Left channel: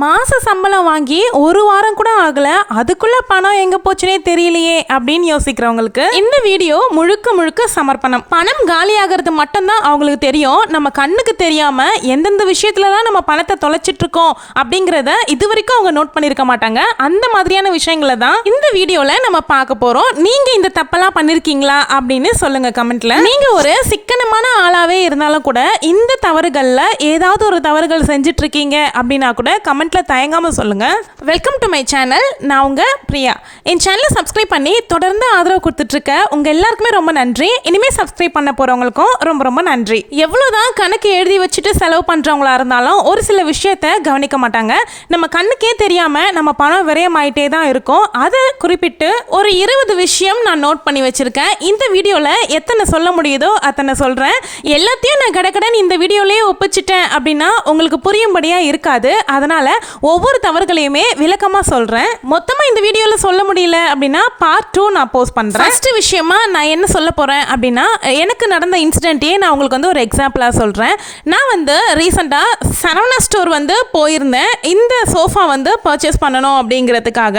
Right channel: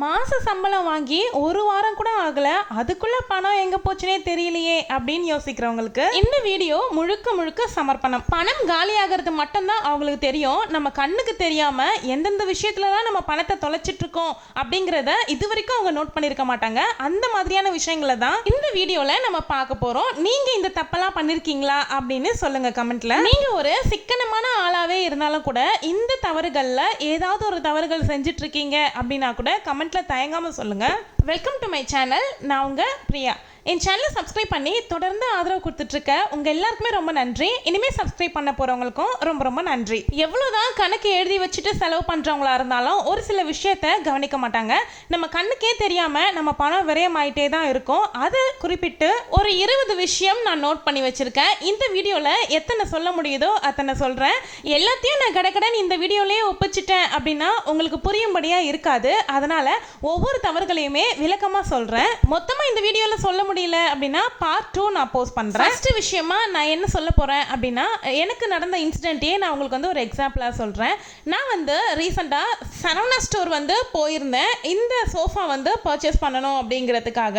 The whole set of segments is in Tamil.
மாத சம்பளம் வாங்கி ஒரு வாரம் கூட ஆகலை. அதுக்குள்ள பணம் எங்க போச்சுனே தெரியலையே அப்படின்னு யோசிக்கிறவங்களுக்கு இந்த வீடியோ முழுக்க முழுக்க சமர்ப்பணம். பணம் காலியாகிறது மட்டும்தான் அவங்களுக்கு தெரியும். நம்ம கண்ணுக்கு தெரியாம எந்தெந்த விஷயத்துலலாம் நம்ம பணத்தை தொலைச்சிட்டு இருக்கோம் அப்படிங்கிறத இது வரைக்கும் அவங்க நோட் பண்ணிருக்க மாட்டாங்க. அந்த மாதிரியான விஷயங்களை தான் இந்த வீடியோல நம்ம பார்க்க போறோம். நீங்க இந்த தப்பெல்லாம் பண்ணிருக்கீங்களா அப்படின்னு சொல்லுங்க கமெண்ட்ல. நீங்க ஒரு சிக்கனமான ஆளாவே இருந்தாலும் கூட இந்த தவறுகள்ல ஏதாவது ஒரு தவறுகள் செஞ்சுட்டு இருக்கீங்க அப்படின்னா கூட கமெண்ட் கமெண்ட்ல தயங்காம சொல்லுங்க. வெல்கம் டு மை சேனல் நான் உங்க பிரியா. என் சேனலை சப்ஸ்கிரைப் பண்ணி தொடர்ந்து ஆதரவு கொடுத்துட்டு இருக்க உங்க எல்லாருக்குமே ரொம்ப நன்றி. இனிமே சப்ஸ்கிரைப் பண்ண போறவங்களுக்கும் ரொம்ப ரொம்ப நன்றி. எவ்வளவுதான் கணக்கு எழுதி வச்சுட்டு செலவு பண்றவங்களா இருந்தாலும் ஒரு சில விஷயத்த கவனிக்க மாட்டாங்க. நம்ம கண்ணுக்கே தெரியாம நம்ம பணம் விரயமாயிட்டே தான் இருக்கும். அதை குறிப்பிட்டு ஒரு இருபது விஷயம் நான் நோட் பண்ணி வச்சிருக்கேன். இந்த வீடியோல எத்தனை சொல்ல முடியுதோ அத்தனை சொல்றேன். எல்லாத்தையும் நான் கடக்கடன் இந்த வீடியோலயே ஒப்பிச்சிட்டேன் அப்படின்னா உங்களுக்கு புரியும்படியா இருக்காது. அதனால ஒவ்வொரு தவறுகளையுமே விளக்கமாக சொல்கிறேன் மொத்தமாக இந்த வீடியோவில் சொல்ல முடியல அப்படின்னா பார்ட் டூ நான் போஸ்ட் பண்ணுறேன் ஃபஸ்ட்டு விஷயமா நான் என்ன சொல்ல போகிறேன் அப்படின்னா எனக்கு நடந்த இன்சிடென்ட்டையே நான் உங்களுக்கு வந்து ஒரு எக்ஸாம்பிளாக சொல்கிறேன் நான் வந்து ரீசெண்டாக சரவணா ஸ்டோர் வந்து போயிருந்தேன். இந்த சோஃபா வந்து பர்ச்சேஸ் பண்ணணும் அப்படிங்கிறதுக்காக.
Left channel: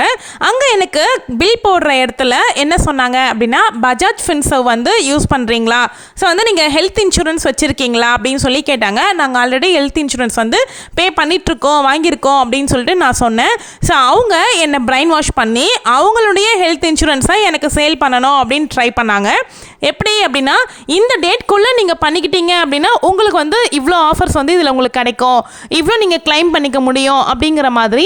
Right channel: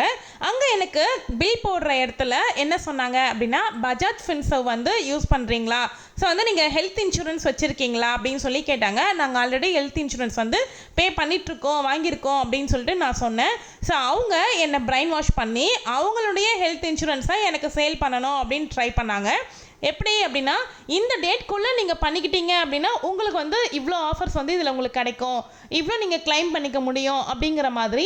அங்கே எனக்கு பில் போடுற இடத்துல என்ன சொன்னாங்க அப்படின்னா பஜாஜ் ஃபின்சர்வ் வந்து யூஸ் பண்ணுறீங்களா ஸோ வந்து நீங்கள் ஹெல்த் இன்சூரன்ஸ் வச்சுருக்கீங்களா அப்படின்னு சொல்லி கேட்டாங்க. நாங்கள் ஆல்ரெடி ஹெல்த் இன்சூரன்ஸ் வந்து பே பண்ணிட்டு இருக்கும் அப்படின்னு சொல்லிட்டு நான் சொன்னேன். ஸோ அவங்க என்னை பிரெயின் வாஷ் பண்ணி அவங்களுடைய ஹெல்த் இன்சூரன்ஸை எனக்கு சேல் பண்ணணும் அப்படின்னு ட்ரை பண்ணாங்க. எப்படி அப்படின்னா இந்த டேட்குள்ளே நீங்கள் பண்ணிக்கிட்டீங்க அப்படின்னா உங்களுக்கு வந்து இவ்வளோ ஆஃபர்ஸ் வந்து இதில் உங்களுக்கு கிடைக்கும். இவ்வளோ நீங்கள் கிளைம் பண்ணிக்க முடியும் அப்படிங்கிற மாதிரி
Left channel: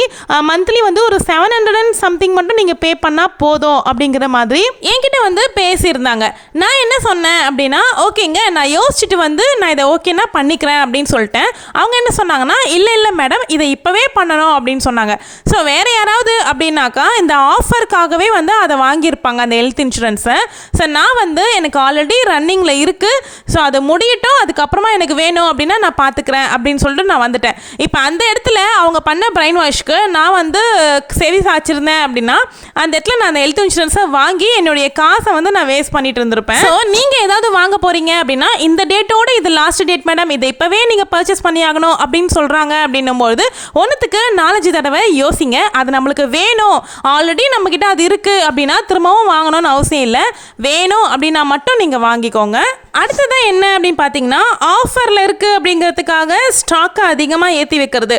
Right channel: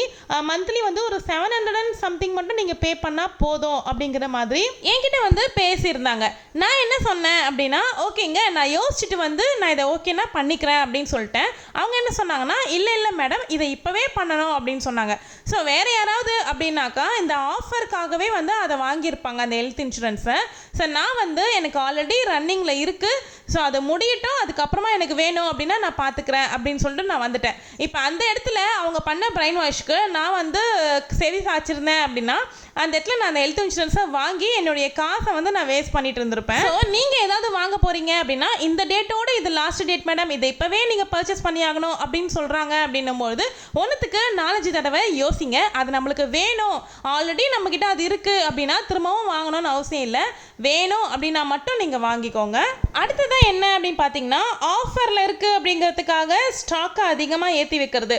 மந்த்லி வந்து ஒரு செவன் ஹண்ட்ரட் அண்ட் சம்திங் மட்டும் நீங்கள் பே பண்ணால் போதும் அப்படிங்கிற மாதிரி என்கிட்ட வந்து பேசியிருந்தாங்க. நான் என்ன சொன்னேன் அப்படின்னா ஓகேங்க நான் யோசிச்சுட்டு வந்து நான் இதை ஓகேனா பண்ணிக்கிறேன் அப்படின்னு சொல்லிட்டேன். அவங்க என்ன சொன்னாங்கன்னா இல்லை இல்லை மேடம் இதை இப்போவே பண்ணணும் அப்படின்னு சொன்னாங்க. ஸோ வேறு யாராவது அப்படின்னாக்கா இந்த ஆஃபருக்காகவே வந்து அதை வாங்கியிருப்பாங்க அந்த ஹெல்த் இன்சூரன்ஸை ஸோ நான் வந்து எனக்கு ஆல்ரெடி ரன்னிங்கில் இருக்குது ஸோ அதை முடியட்டும் அதுக்கப்புறமா எனக்கு வேணும் அப்படின்னா நான் பார்த்துக்கிறேன் அப்படின்னு சொல்லிட்டு நான் வந்துட்டேன். இப்போ அந்த இடத்துல அவங்க பண்ண பிரெயின் வாஷ்க்கு நான் வந்து செவி சாய்ச்சிருந்தேன் அப்படின்னா அந்த இடத்துல நான் அந்த ஹெல்த் இன்சூரன்ஸை வாங்கி என்னுடைய காசை வந்து நான் வேஸ்ட் பண்ணிட்டு இருந்திருப்பேன். ஸோ நீங்கள் ஏதாவது வாங்க போகிறீங்க அப்படின்னா இந்த டேட்டோட இது லாஸ்ட் டேட் மேடம் இதை இப்போவே நீங்கள் பர்ச்சேஸ் பண்ணி ஆகணும் அப்படின்னு சொல்கிறாங்க அப்படின்னும்போது ஒன்றுத்துக்கு நாலஞ்சு தடவை யோசிங்க அது நம்மளுக்கு வேணும். ஆல்ரெடி நம்மக்கிட்ட அது இருக்குது அப்படின்னா திரும்பவும் வாங்கணும்னு அவசியம் இல்லை. வேணும் அப்படின்னா மட்டும் நீங்கள் வாங்கிக்கோங்க. அடுத்ததான் என்ன அப்படின்னு பார்த்தீங்கன்னா ஆஃபரில் இருக்குது அப்படிங்கிறதுக்காக ஸ்டாக்கை அதிகமாக ஏற்றி வைக்கிறது.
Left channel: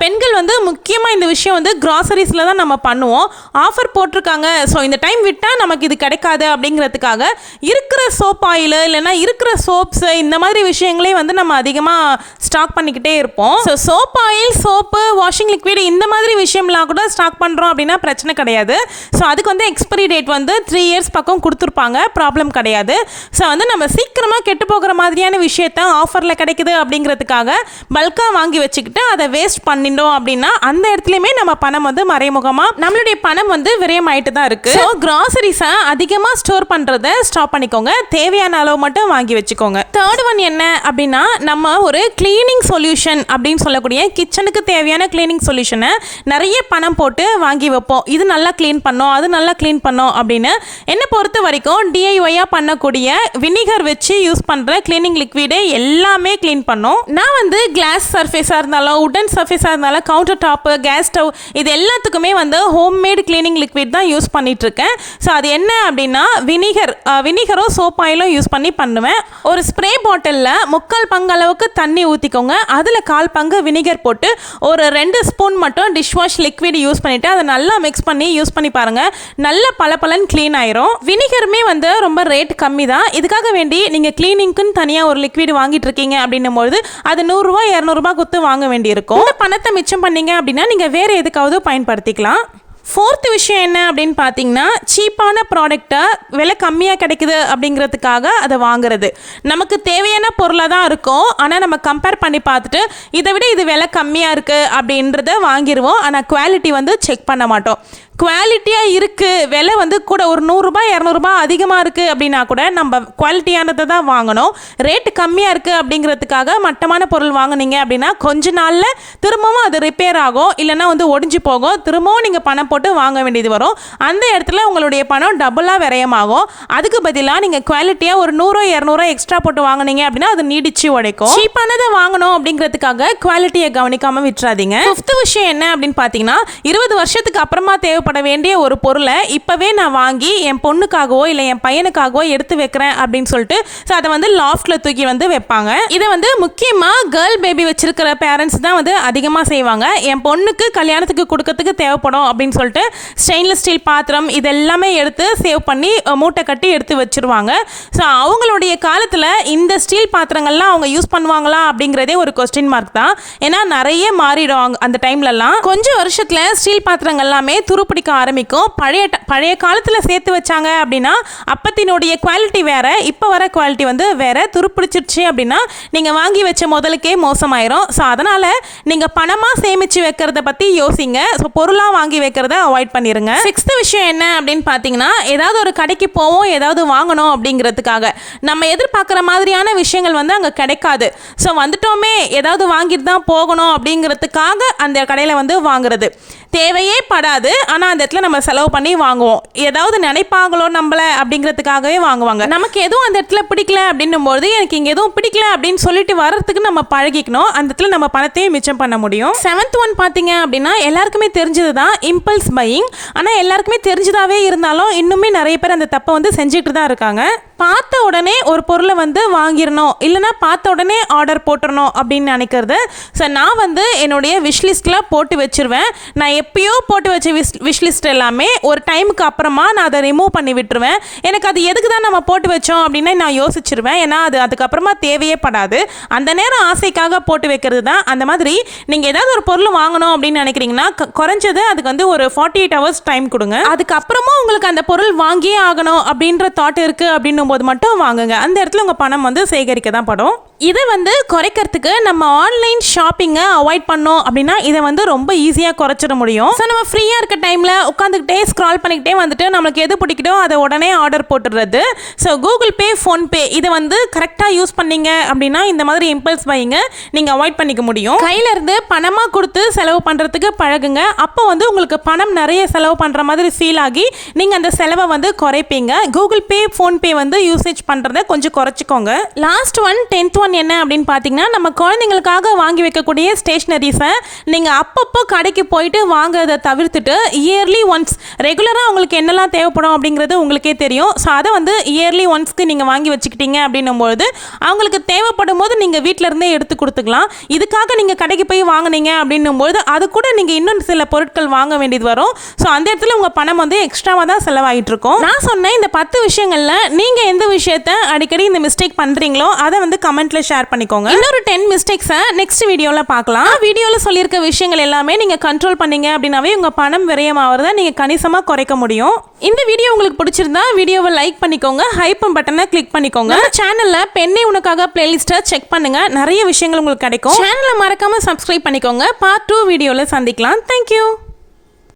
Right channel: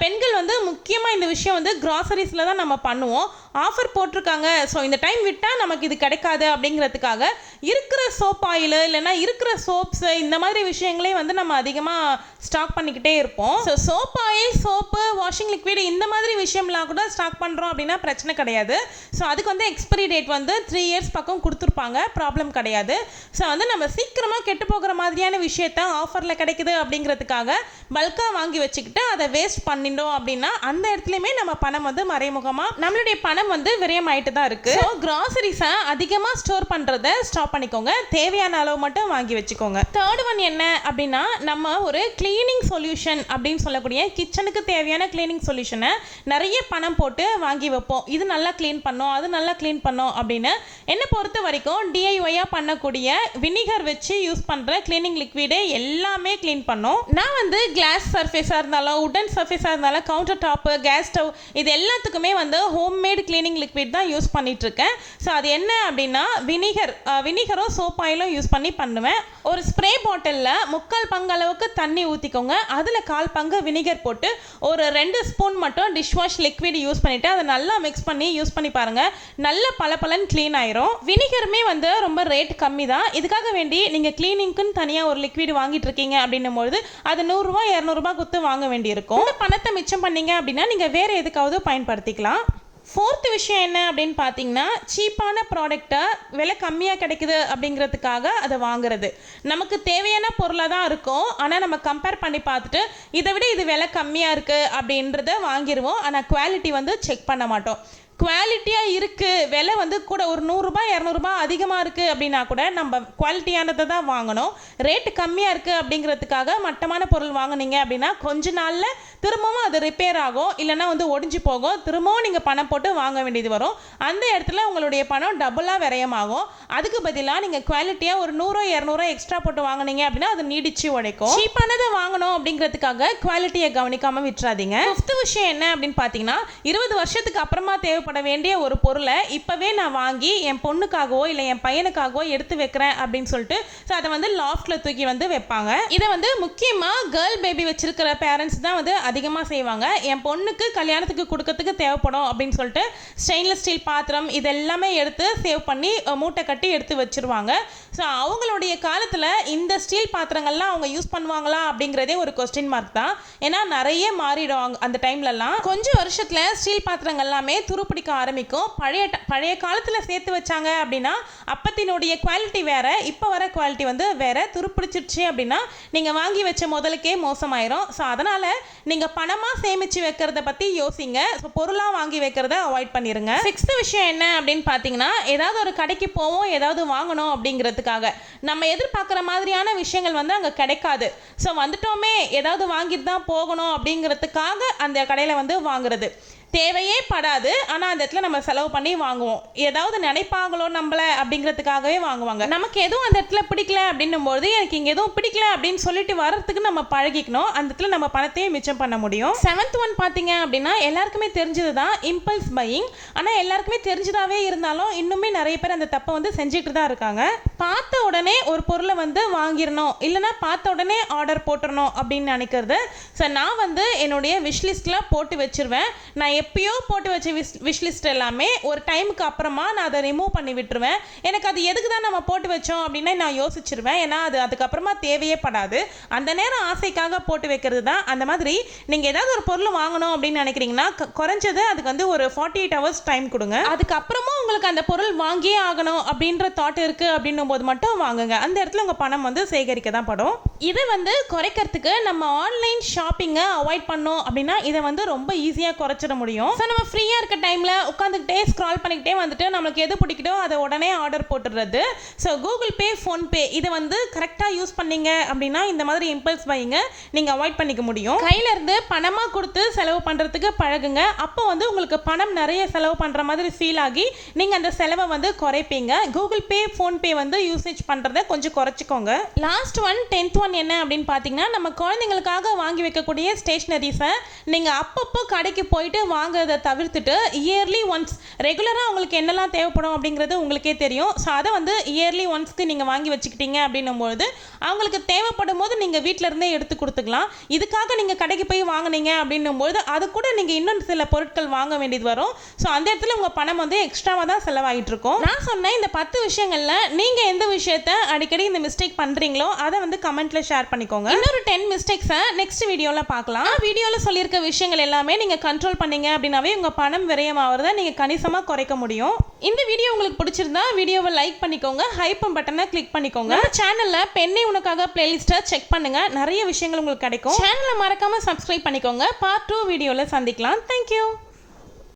பெண்கள் வந்து முக்கியமாக இந்த விஷயம் வந்து கிராசரிஸில் தான் நம்ம பண்ணுவோம். ஆஃபர் போட்டிருக்காங்க. ஸோ இந்த டைம் விட்டால் நமக்கு இது கிடைக்காது அப்படிங்கிறதுக்காக இருக்கிற சோப் ஆயில் இல்லைன்னா இருக்கிற சோப்ஸு இந்த மாதிரி விஷயங்களே வந்து நம்ம அதிகமாக ஸ்டாக் பண்ணிக்கிட்டே இருப்போம். So soap oil soap washing liquid இந்த மாதிரி விஷயம்லாம் கூட ஸ்டாக் பண்ணுறோம் அப்படின்னா பிரச்சனை கிடையாது. ஸோ அதுக்கு வந்து எக்ஸ்பைரி டேட் வந்து த்ரீ இயர்ஸ் பக்கம் கொடுத்துருப்பாங்க. ப்ராப்ளம் கிடையாது. ஸோ வந்து நம்ம சீக்கிரமாக கெட்டு போகிற மாதிரியான விஷயத்த ஆஃபரில் கிடைக்குது அப்படிங்கிறதுக்காக பல்காக வாங்கி வச்சுக்கிட்டு அதை வேஸ்ட் பண்ணிட்டோம் அப்படின்னா அந்த இடத்துலையுமே நம்ம பணம் வந்து மறைமுகமாக நம்மளுடைய பணம் வந்து விரயமாயிட்டு தான் இருக்கு. ஸோ கிராசரிஸை அதிகமாக ஸ்டோர் பண்ணுறதை ஸ்டாப் பண்ணிக்கோங்க. தேவையான அளவு மட்டும் வாங்கி வச்சுக்கோங்க. தேர்ட் ஒன் என்ன அப்படின்னா நம்ம ஒரு கிளீனிங் சொல்யூஷன் அப்படின்னு சொல்லக்கூடிய கிச்சனுக்கு தேவையான கிளீனிங் சொல்யூஷனை நிறைய பணம் போட்டு வாங்கி வைப்போம். இது நல்லா க்ளீன் பண்ணோம் அது நல்லா க்ளீன் பண்ணோம் அப்படின்னு என்னை பொறுத்த வரைக்கும் டிஐஒயாக பண்ணக்கூடிய வினிகர் வச்சு யூஸ் பண்ணுற கிளீனிங் லிக்விடு எல்லாமே க்ளீன் பண்ணும். நான் வந்து கிளாஸ் சர்ஃபேஸாக இருந்தாலும் உடன் சர்ஃபேஸாக இருந்தாலும் கவுண்டர் டாப்பு கேஸ் ஸ்டவ் இது எல்லாத்துக்குமே வந்து ஹோம்மேட் கிளீனிங் லிக்விட் தான் யூஸ் பண்ணிட்டு இருக்கேன் ஸோ அது என்ன அப்படின்னா வினிகர் வினிகரும் சோப் ஆயிலும் யூஸ் பண்ணி பண்ணுவேன். ஒரு ஸ்ப்ரே பாட்டிலில் முக்கால் பங்கு அளவுக்கு தண்ணி ஊற்றிக்கோங்க அதில் கால் பங்கு வினிகர் போட்டு ஒரு ரெண்டு ஸ்பூன் மட்டும் டிஷ் வாஷ் லிக்விட் யூஸ் பண்ணிவிட்டு அதை நல்லா மிக்ஸ் பண்ணி யூஸ் பண்ணி பாருங்கள் நல்ல பளபளன்னு க்ளீன் ஆயிரும். வினிகருமே வந்து ரொம்ப ரேட் கம்மி தான் இதுக்காக வேண்டி நீங்கள் க்ளீனிங்க்குன்னு தனியாக ஒரு லிக்விட் வாங்கிட்டு இருக்கீங்க அப்படின்னும் பொழுது அது நூறுரூவா இரநூறுபா கொடுத்து வாங்க வேண்டியிருக்கும். பணத்தை மிச்சம் பண்ணீங்க அப்படின்னா நீங்கள் வேறு எதுக்காவது பயன்படுத்திக்கலாம். ஃபோர்த்து விஷயம் என்ன அப்படின்னு பார்த்தீங்கன்னா சீப்பான ப்ராடக்டை விலை கம்மியாக கிடைக்குது அப்படிங்கிறதுக்காக அதை வாங்குறது. நமக்கு தேவையான பொருளாக தான் இருக்கும். ஆனால் நம்ம கம்பேர் பண்ணி பார்த்துட்டு இதை விட இது விலை கம்மியாக இருக்குது அப்படின்றத வாங்கிடுவோம் ஆனால் குவாலிட்டி வந்து செக் பண்ண மாட்டோம். குவாலிட்டியாக இருக்குது விலை வந்து கூட ஒரு நூறுரூபா இரநூறுபா அதிகமாக இருக்குது அப்படின்னா கூட நம்ம குவாலிட்டியானதை தான் வாங்கணும். ரேட்டு கம்மியாக இருக்குது அப்படிங்கிறதுக்காக மட்டமான பொருள் வாங்குனீங்க அப்படின்னா கொஞ்ச நாளில் திரும்பவும் அது ரிப்பேர் ஆகும். இல்லைன்னா வந்து ஒடிஞ்சு போகும். திரும்பவும் நீங்கள் பணம் போட்டு வாங்க வேண்டியது வரும். அந்த இடத்துல உங்களுடைய பணம் டபுளாக விரயமாகும். அதுக்கு பதிலாக நீங்கள் குவாலிட்டியாக ஒரு நூறோ இரநூறுவா எக்ஸ்ட்ரா போட்டு வாங்குனீங்க அப்படின்னா அது நீடிச்சு உடைக்கும். சீப்பானதை வாங்கணும் அப்படிங்கிறதுக்காக குவாலிட்டியை கவனிக்காமல் விட்டுறாதீங்க. ஃபிஃப்த் விஷயம் என்ன அப்படின்னு பார்த்தீங்கன்னா இருபது வருஷத்துக்கு அப்புறமா தேவைப்பட வேண்டிய ஒரு பொருளை இப்போவே நான் வாங்கி என் பொண்ணுக்காகவோ இல்லை என் பையனுக்காகவோ எடுத்து வைக்கிறேன் அப்படின்னு சொல்லிட்டு ஸோ அதை வந்து லாஃப்டில் தூக்கி வந்து வைப்பாங்க. இதை வந்து முக்கியமாக கேர்ள் பேபி வச்சிருக்கிற பேரண்ட்ஸ் தான் வந்து அதிகமாக செய்வாங்க. என் பொண்ணுக்கு கல்யாணத்துக்கு கொடுக்கறதுக்கு தேவைப்படும் அப்படின்னு சொல்லிட்டு ஸ்டெயின்லெஸ் ஸ்டீல் பாத்திரம் இதெல்லாமே எடுத்து சேவ் பண்ணி மூட்டை கட்டி எடுத்து வச்சிருவாங்க. ஸோ அவங்களுடைய காலத்தில் இந்த ஸ்டீல் பாத்திரங்கள்லாம் அவங்க யூஸ் பண்ணுவாங்களா அப்படிங்கிறதே ஒரு கொஸ்டின் மார்க் தான். ஏன்னா நிறைய மாறிடும் அந்த டைம்லலாம் கொஞ்சம் வருஷத்தில் ஸ்டீல் பாத்திரங்கள் எல்லாமே பிடிக்க ஆரம்பிக்கும். பழைய ட- பழைய காலத்தில் சேர்த்து வச்சாங்க அப்படின்னா அப்பத்தினுடைய குவாலிட்டி வேறு இப்போ வர குவாலிட்டி வந்து வேறு. துருப்பிடிச்சிருச்சு அப்படின்னா நீங்கள் வாங்கி வச்ச முதலுக்கே மோசமாயிரும். ஸோ அதனால் நீங்கள் பணமாக சேமித்து வைக்கிறத பற்றி யோசிங்க. ஸோ பொருளாக வாங்கி வைக்கிறத அவாய்ட் பண்ணிடுங்க சிக்ஸ்த்து விஷயம் என்ன அப்படின்னு பார்த்தீங்கன்னா ஏதாவது ஒரு கடைக்கு போவோம் ஏதாவது வாங்கணும் அப்படிங்கிறதுக்காக. நம்ம எதிர்பார்க்குற மாதிரியான விஷயங்கள் வந்து அங்கே கிடைக்காது. ஸோ வந்துட்டோமே ஏதாவது வாங்கிட்டு தான் போகணும் அப்படிங்கிறதுக்காக அந்த கடையில் வந்து வாங்குறது. தேவையே படாது. ஆனால் அந்த இடத்துல நம்ம செலவு பண்ணி வாங்குவோம். ஏதாவது நினைப்பாங்களோ நம்மள அப்படிங்கிறதுக்காகவே வாங்குவாங்க. நமக்கு எதுவும் அந்த இடத்துல பிடிக்கல அப்படின்னும்போது எனக்கு இங்கே எதுவும் பிடிக்கல அப்படின்னு சொல்லிட்டு வர்றதுக்கு நம்ம பழகிக்கணும். அந்த இடத்துல நம்ம பணத்தையும் மிச்சம் பண்ண முடியும். செவன்த் ஒன் பார்த்தீங்க அப்படின்னா எல்லாருக்குமே தெரிஞ்சது தான் இம்பல்ஸ் பையிங் ஆனால் எல்லாருக்குமே தெரிஞ்சதாகவே இருந்தாலும் இன்னுமே நிறைய பேர் அந்த தப்பை வந்து செஞ்சுட்டு தான் இருக்காங்க. பார்த்த உடனே ஒரு பொருளை வந்து வாங்கிடணும். இல்லைன்னா பார்த்த உடனே ஆர்டர் போட்டுறணும் அப்படின்னு நினைக்கிறது. ஸோ நான் வந்து என்னுடைய விஷ்லிஸ்ட்டில் போட்டு வச்சிருவேன். நான் எப்பயோ போட்டு வச்ச விஷ் விஷ்லிஸ்ட் எல்லாமே ஒரு டைமுக்கு அப்புறமா நான் அதை ரிமூவ் பண்ணி விட்டுருவேன். எனக்கு அது எதுக்கு தான் நம்ம போட்டு வச்சோம் அப்படின்னு நான் யோசிச்சிருவேன். ஏன்னா அது அதுக்கப்புறமா தேவையே படாது. அந்த நேரம் ஆசைக்காக போட்டு வைக்கிறது தான் அந்த மாதிரி. நீங்கள் ஏதாவது ஒரு பொருள் வாங்கணும் அப்படின்னு நினைக்கிறீங்கன்னா க- குறைஞ்சது அதுக்கு வந்து ஒரு ஃபார்ட்டி எயிட் ஹவர்ஸ் டைம் கொடுங்க. அதுக்கப்புறமா உங்களுக்கு அந்த பொருள் வாங்கியே ஆகணும் அப்படின்ற தாட் இருக்குது அப்படின்னும் போது மட்டும் வாங்குங்க. அந்த இடத்துல உங்கள் பணம் வந்து சேகரிக்க தான் படும். இதை வந்து குறைக்கிறதுக்கு நம்ம ஆன்லைன் ஷாப்பிங்கை அவாய்ட் பண்ணோம் அப்படின்னா இதை வந்து ரொம்ப ஈஸியாக குறைச்சிட முடியும். ஸோ நம்ம ஃப்ரீயாக இருக்க டைம் டைமில் உட்காந்துக்கிட்டே ஸ்க்ரால் பண்ணிக்கிட்டே வந்துட்டு நம்மளுக்கு எது பிடிக்கிட்டோ அதை உடனே ஆர்டர் போட்டுடுறது. ஸோ கூகுள் பே ஃபோன்பே இதை வந்து கரெக்டாக யூஸ் பண்ணீங்க அப்படின்னா இந்த மாதிரி இம்பல்ஸ் பையிங்க நீங்கள் அவாய்ட் பண்ணிக்க முடியும். கையிலேருந்து பணமாக கொடுத்து செலவு பண்ணுறதுக்கு பழகுங்க. அப்போ வந்து உங்களுக்கு பணம் நிறைய செலவு பண்ணுற மாதிரி ஃபீல் ஆகி நீங்கள் அந்த செலவை வந்து குறைப்பீங்க. கூகுள் பே ஃபோன்பே வந்து யூசேஜ் பண்ணுறத கொஞ்சம் குறைச்சிக்கோங்க. லாஸ்ட் ஒன் டென்த் ஒன் என்ன அப்படின்னு பார்த்தீங்கன்னா நம்ம குழந்தைங்களுக்காக வாங்கி வைக்கக்கூடிய ஸ்டேஷ்னரிஸை நீங்கள் அப்பப்போ கடைக்கு போயிட்டு வாங்குறதை தவிர்த்துட்டு இயர்லி ஒன்ஸ் ரெகுலராக உங்களுக்கு என்னெல்லாம் தேவைப்படும் அப்படிங்கிறது உங்களுக்கே தெரியும். ஸோ அதை வந்து இயர்லி ஒன்ஸ்க்கு நீங்கள் வாங்கி வச்சுக்கிட்டீங்க அப்படின்னும்போது அவங்களுக்கு தேவைப்படும் போது நீங்கள் வீட்டிலருந்தே எடுத்து கொடுத்துக்கலாம். இதுக்காக நீங்கள் கடைக்கு போய் வாங்குனீங்க அப்படின்னும்போது அது கூட நீங்கள் இன்னும் சில பொருட்கள் வாங்க வேண்டியது வரும். ஸோ அந்த இடத்துல உங்கள் பணம் வந்து எக்ஸ்ட்ராவாக தான் செலவாகிட்டு இருக்கும் நான் சொன்ன இந்த பத்து விஷயங்களில் நீங்கள் எந்த விஷயத்த அடிக்கடி இந்த மிஸ்டேக் பண்ணுறீங்களோ அதை வந்து கமெண்ட்ல ஷேர் பண்ணிக்கோங்க. இன்னொரு டென் மிஸ்டேக்ஸை நெக்ஸ்ட் வீடியோவில் பார்க்கலாம். வீடியோவில் சொல்லியிருக்க விஷயங்கள் எல்லாமே நீங்கள் கண்ட்ரோல் பண்ணீங்க அப்படின்னாவே உங்கள் பணம் விரயமாகிறத நீங்கள் கணிசமாக குறைக்க முடியும். இந்த வீடியோ உங்களுக்கு பிடிச்சிருந்தா வீடியோவை லைக் பண்ணிக்கோங்க ஹைப்பம் பட்டனை கிளிக் பண்ணிக்கோங்க. சேனலில் பெண்ணை உனக்காக பிளேலிஸ்ட்டை செக் பண்ணுங்க. நிறைய விஷயங்கள் உங்களுக்கு கிடைக்கும். சேனலை மறக்காம சப்ஸ்கிரைப் பண்ணிக்கோங்க. பார்ட் டூ வீடியோவில் சந்திக்கலாம். தேங்க்யூ